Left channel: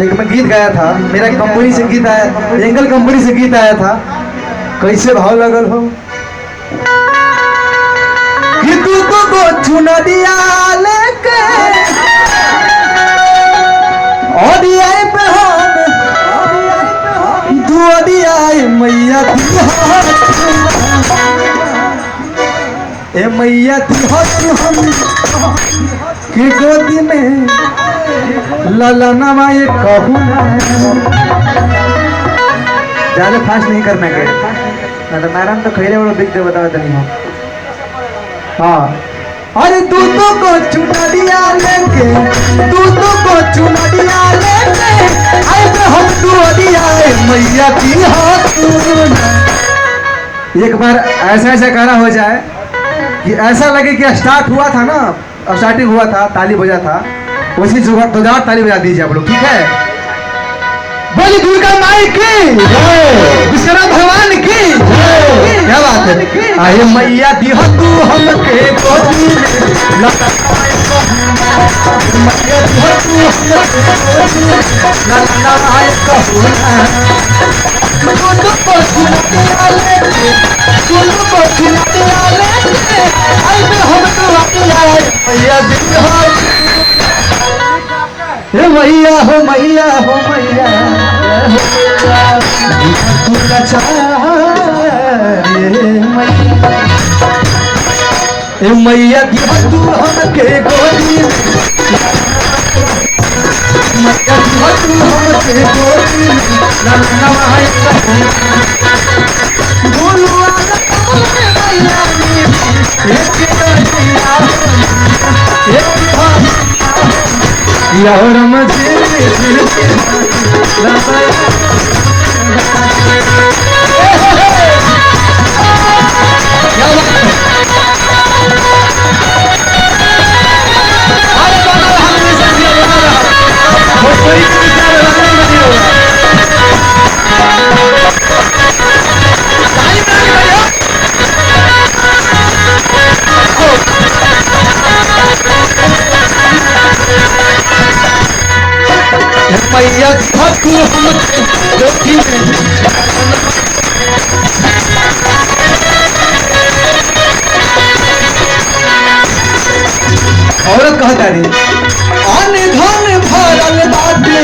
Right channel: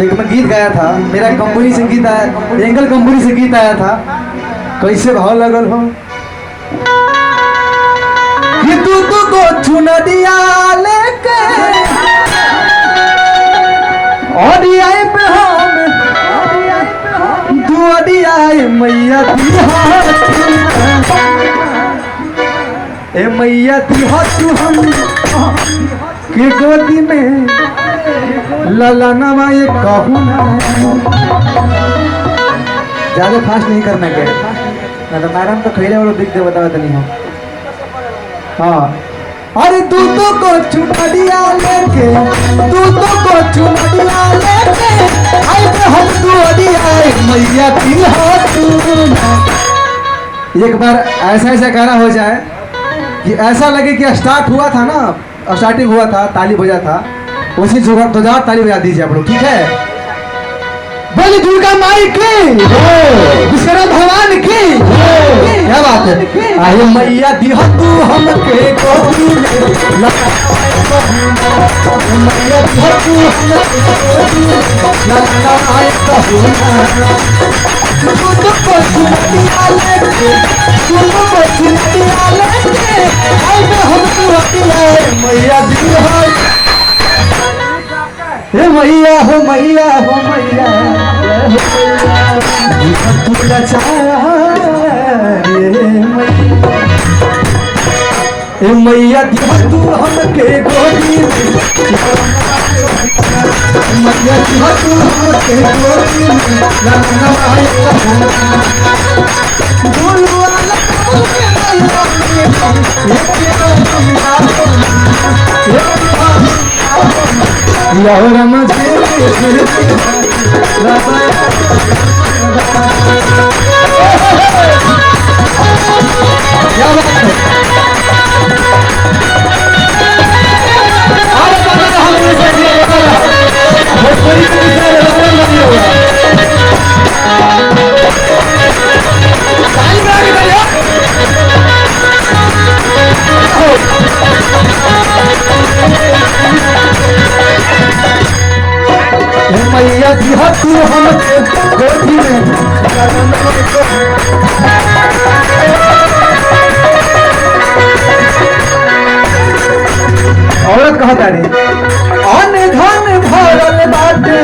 एक मैं गीत गाया था, मेरा कंपनी से गीत आया, एंगल कंपनी से गीत आया था। कैसे भाव लगल हो कि तू को चुना दिया लेके ओडियाई पे हम दुआई मैया दी ए मैया दी हो तू हम के गोदी में लाला नवा ये कहूँ ना। ज्यादा फास्ट नहीं करना के ना तो नारायण तो खैले वालों दिख दे बताओ तो नहीं हो। हाँ अरे तू तो को चुना दिया लेके तू तो को चुना दिया लेके आए पे हम दुआई मैया की हो तू ना। एक बार ऐसा ऐसा गाना हो जाए कि ऐसा लगे कि स्टार्ट हुआ था ना, स्टार्टिंग हुआ था, ताली बजा था, उसी जोरदार ताली बजा दीजिए आप लोग, ठीक है। बोली दुर्गा माई की, विश्वनाथ भगवान की, क्या बात है। अरे मैया दिह तू हमके गोदी में मैया दिह तू हमके गोदी में ललनाए कहूँ ना। तू तो पछुआ लेके तू तो पछुआ लेके आई में हम तू आए मैया दिह हो मैया हो मैया हो मैया मैया दिया तू हमके गोदी मैया दिया तू हमके गोदी मैया दिया तू हमके गोदी में औरत कहता रे अन धन भरल बाटे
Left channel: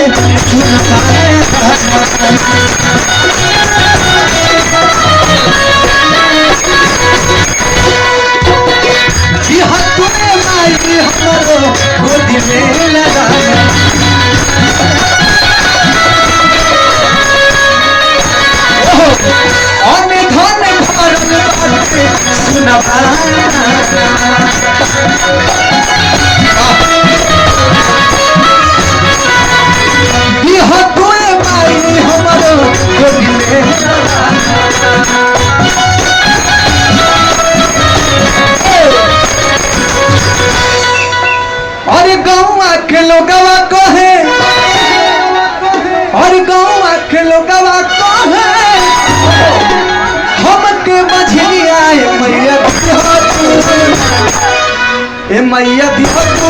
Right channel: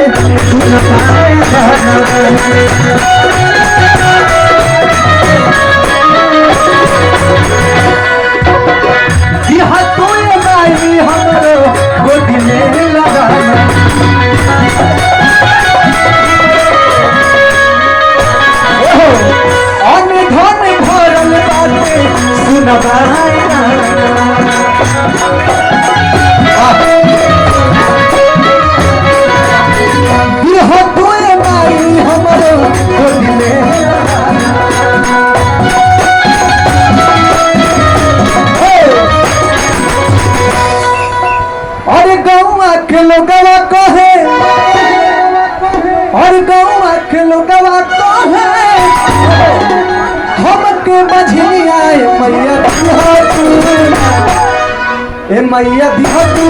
सुन पाए दिया तू माई हमरो गोदी में लगाना। धन भरल बाटे सुन दिह तुए माई हमरो गोदी में अरे गौवा के लोगवा कहे अरे गौवा के लोगवा कहे हमके मझली आए मैया दिह तू ए मैया दिह तू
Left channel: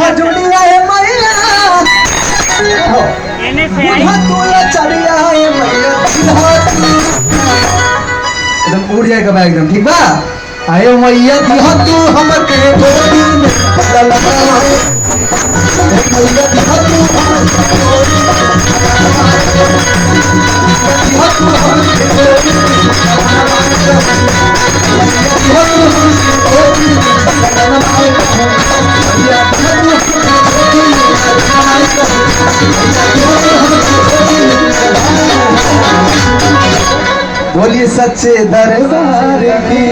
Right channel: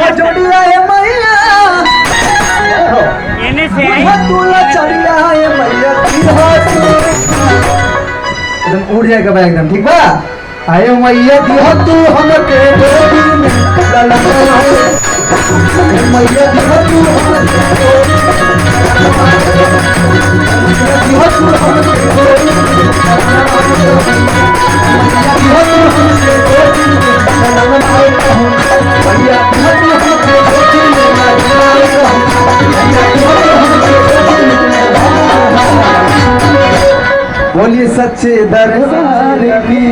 हाथ जोड़िया है मैया तुला चढ़िया है मैया एकदम उड़ जाएगा भाई एकदम ठीक बा आयो मैया दिया तू हमर के डोरी में मैया दिया तू हमर के डोरी दिया तू हमर के डोरी दिया तू हमर के डोरी बोलिए सच्चे दरबार की